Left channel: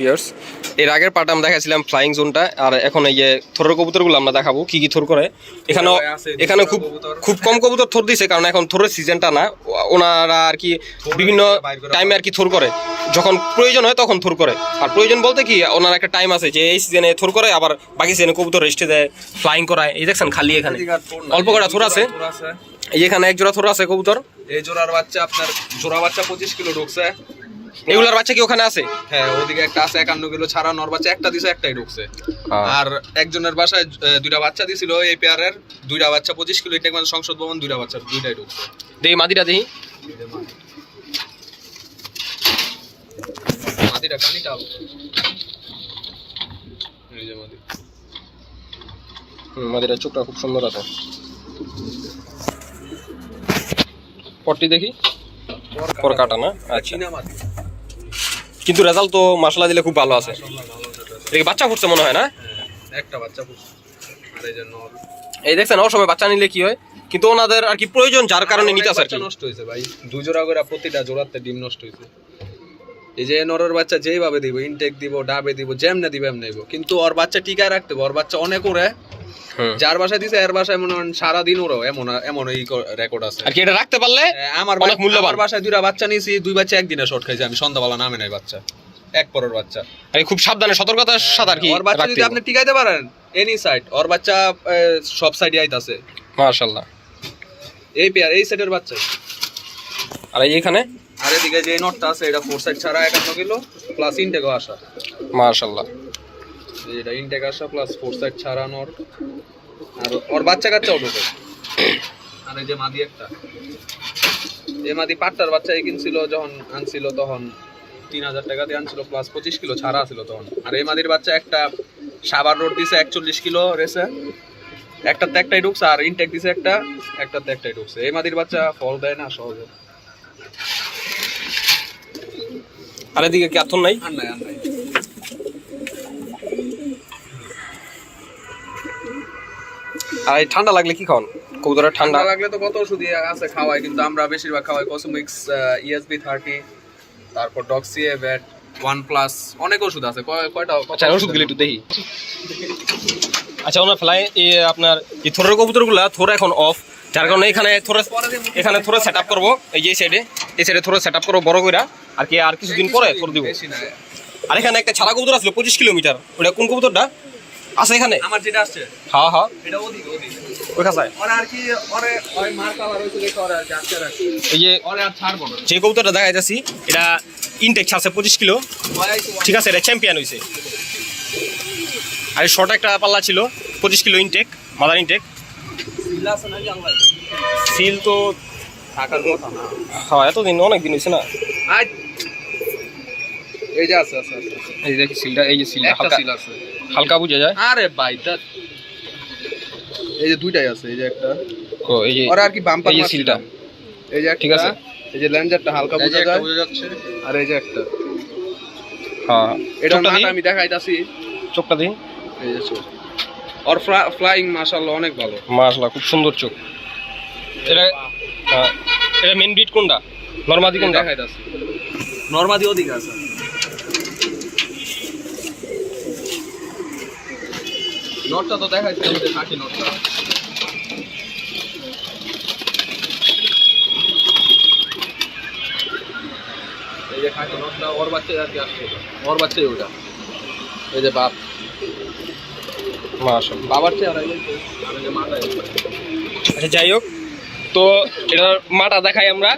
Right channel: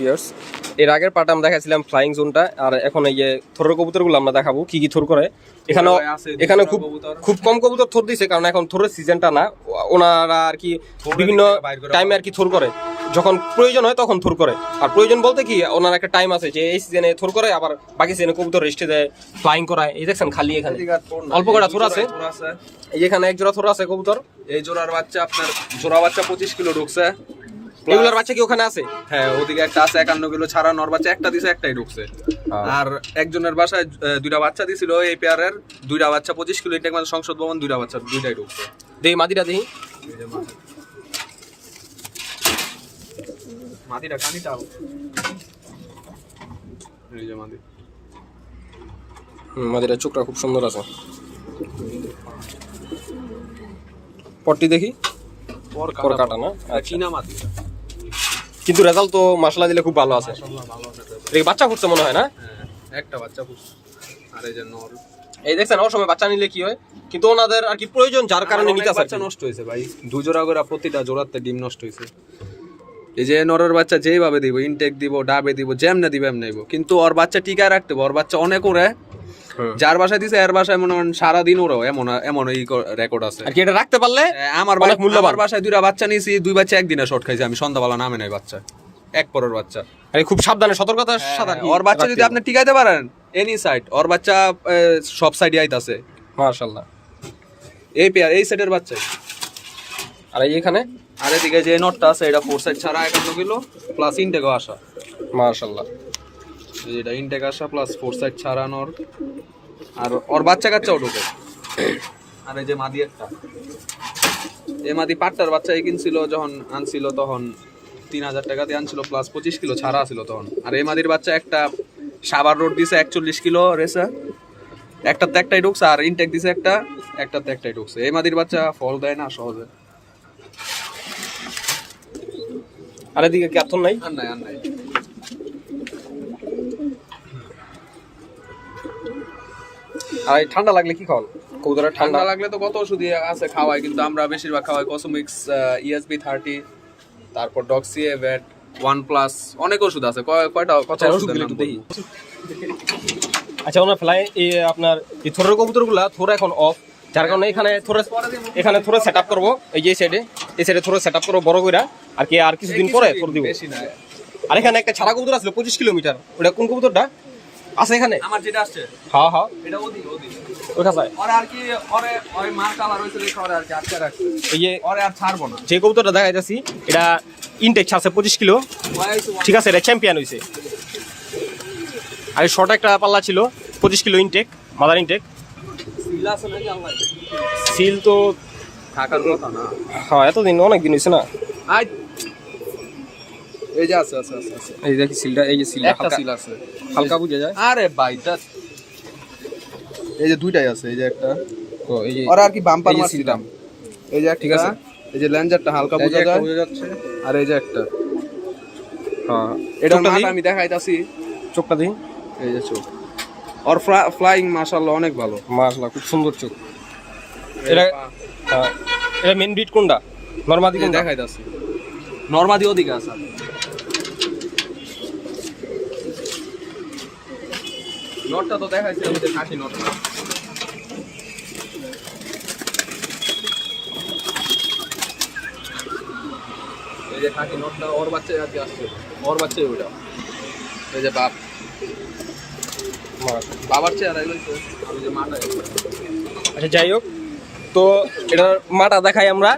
বিয়ার্স এর আগের পার্টে আমরা দেখাছিলাম ফ্লাইং জোনটা আর এখন এই যে থরের কবুতরগুলো আমরা দেখাবো কি কি থর করে। এখানে এখানে খুব খুব কম কবুতর থর দিছে কারণ এখন থরের সিজনটা না। ওনারা আর কি বিভিন্ন টাইমে আর কি থর করে। যখন প্রয়োজন হয় তখন থর করে। আর প্রয়োজন বলতে কি ওনার একটা টাইম আছে যে এই সিজনে থর করে আবার বাকি সিজনে কবুতর রেস্টে দেয় ফ্লাইং করায়। এই দেখছেন খালি এখানে। অল্প কটা থর আছে। এই এখানে এক জোড়া থর আছে কবুতর। এই জোড়ার বাচ্চা আপনার জোড়া বাচ্চা পঁচিশ কিলো ঢুকছে। এগুলার বাচ্চা কি ওখানে আছে? হ্যাঁ ওইদিকে একটা আছে একান্ন কিলো ছাড়া নর বাচ্চা একটা দিছে একটাই ঢুকছে। আর একজনের বাসায় দুইটা বাচ্চা দিছিল এই পেয়ারের দুইটা বাচ্চা পঁচিশ কিলো এটা মানে সংসদ ভবন দুইটা বাচ্চা দুইটাই ঢুকছে। দেই মাদিটা দেই। মাটিটা কানিটা এই যে মাটি। হুম, মাদিটার চোখটা খুব সুন্দর আছে। পটটি দেখি? পর কাটা না? আচ্ছা। কিন্তু রেজাল্ট তো মশলা দিলে খুব ভালো আছে। এটা বাচ্চা ফুটছে মনে হয় না? একটা বাচ্চা পুষছে আর এই যে নর। এই দেখছেন অসময় বাচ্চা নিলে কি হয়? কিন্তু ওনাদের আর কি প্রয়োজন যার কারণে নিতে আসে নষ্ট হয়েছে ভাই দু জোড়া করে প্রতিটা জোড়াতে ডিম নষ্ট হয়েছে। এই যে নরের বাচ্চা যেইভাবে দিব ইনটেক দিব ডাবে দিব যেমনে দিব এমনি দিব। কিন্তু ওর বাচ্চা টিকায় রাখতে হবে ওর বাচ্চা অনেক ওরে। যার বাসায় দিছে এর বাসায় মনে হয় সারাদিন ওরও এমন এমন এই রেকর্ড আছে। আর কি এটা রাখতে পারলে আমার অনেক মূল্যবান। বাসায় দুইটা বাচ্চা নিয়েছি দুই বাচ্চা একদিনে শর্ট খাইছি আমি সন্ধ্যাবেলা নামে নাই বাচ্চা। এক পরের বাচ্চা। আর খুব সাবধানে সতর্কতার সাথে আর কি ওর বাচ্চা যদি আপনি টিকাইতে পারেন এনি সাইড ওর বাচ্চা সব সাইডে আইতাছে। মাশাআল্লাহ। এই পেয়ার এই সাইডের বাচ্চা। আর এই এখানে? আর এদিকে যে নোটটা আছে এটা ফোর সাইড ছাড়া একান্ন কিলো প্লাস ইনটেকও আসা। মাশাআল্লাহ। এই যে এটা ইনটেক আসা প্লাস ফোর সাইড ছাড়ানোর। আর ওর বাচ্চা কাচ্চাও ঢুকে। আর এই যে মাদি একটা। এই মাদি পাট্টার বাচ্চা এই কিনছিল যখন আনছিল তখন তিন হাজার টাকা দিয়ে আনছিল প্লাস পঁচিশ কিলো ছাড়া ছিল তখন। আর এই মাদির বাচ্চা একটা সাবার রোড দিছে একচল্লিশ কিলো রেসে। একটাতে একটাই ঢুকছে আর ইনটেক দিছে একটা একটাতে একটাই ঢুকছে। এই মাদির বাচ্চা ফল দেয় না সহজে। আর এদিকে কি নাই? আর নাই আর নাই। আর এই ঠান্ডা লাগলে কি খাওয়ান? কবুতরের ঠান্ডা? লাগলে তো কত ওষুধ আছে খাওয়াই কিন্তু আমরা বেশিরভাগ খাওয়াই কসমিক্স ইএসবি থার্টি তারপর ডক্সিএ ব্যাট ওয়ান প্লাস অনেক ওষুধ আছে। কয়- কয়টা আচ্ছা ওষুধগুলো একটু দেখি। আচ্ছা ওনার ফ্লাই আপনার এই থরের কবুতরগুলা থর এখন অফ যার কারণে এখানে থরে এখানে থরে সেট আপ করব এই যে সাইডে এই সাইডে থরে সেট আপ করব বড় করে আর কি আর কিছুদিন পরে থর দিব। আর এখানে একটা ছাড়া কবুতর আসলো পঁচিশ কিলোমিটার। ওটা কোন কবুতরটা? আছে এখানে? আমার যেটা আসছে। হ্যাঁ হ্যাঁ এটা ওদিক ওদিক। ওই কাছায় ওরে আর কি ওরে ওই মার কালার হইছে দেখো ওরে আর কি রাখছি। এই যে ওরে আর ছাড়বো না। যে কবুতরটা দেখা যাচ্ছে এটা ইনটেক ছাড়ছে পঁচিশ কিলো। ঠিক আছে এটা চ্যাম্পিয়ন হয়েছে আর শর্ট একটা পাল্লা ছিল পঁচিশ কিলো ইনটেক মাদার ইনটেক সিলা আছে তো না হ্যাঁ। এতদিন অনেক দিন হয়েছে না? আই এই যে আছে আছে আছে আছে। এই দেখি সিলটা এই যে সিলটা হালকা সিল আছে হালকা বুঝা যায় আরে ভাই দ্যাট এই যে দুইটাই আছে এই যে একটা ও এই যে আর কি বাম্পার এই যে সিলটা এই যে ঠিক আছে। এই যে ল্যাঞ্জারটা হালকা বোঝা যায় বোঝা যাচ্ছে আর এই যে একটা হ্যাঁ এটা আমি দেখাইতাছি চোখটা দিই এই যে চোখ ওর ফ্লাইং মাশাআল্লাহ অনেক ভালো মাশাআল্লাহ খুব সুন্দর চোখ এটা হ্যাঁ এটা মেন ব্রিড কোনটা নরমাদি কোনটা দেখাইতাছি নরমাদি ওদিকে আছে নটটা তো ওই যে খাকি নটটা। এই যে খাকি নটটা ওর বাচ্চাই আর কি আসছে। ওর বাচ্চাই ওটা এই যে বাপ। বাবার চেয়ে আর ওই যে মাটা আচ্ছা যাই হোক। তো এটার মাটা দেখাই আমরা।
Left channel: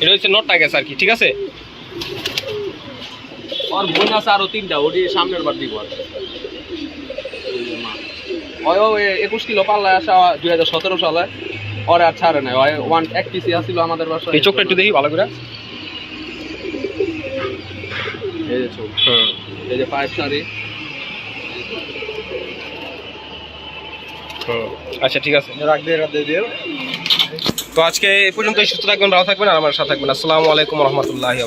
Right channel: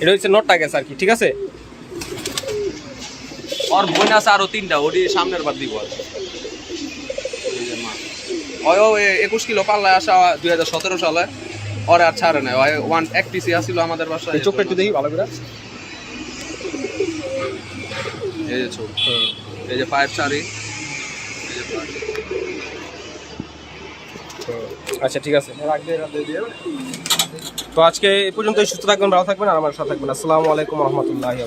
এটা হচ্ছে নটটা গেছে আর কি ঠিক আছে? বোন আছে আরও তিনটা ওটি সামনের বার দিব আর ওই একুশ কিলো পাল্লায় আসা দুই হাজার সতেরো সালে। ওরে আর ছাড়ে নাই ওই ওয়ান এক পিসি আসছিল আমাদের বাসায়। এই চোখটা একটু দেখি ভালো করে। এই যে চোখ। এই যে পাইপ শাড়ি হুম। আচ্ছা ঠিক আছে। তো আজকে এই পর্যন্ত সুস্থ থাকবেন ভালো থাকবেন আর আমার সাথে থাকবেন। আসসালামু আলাইকুম রহমতুল্লাহি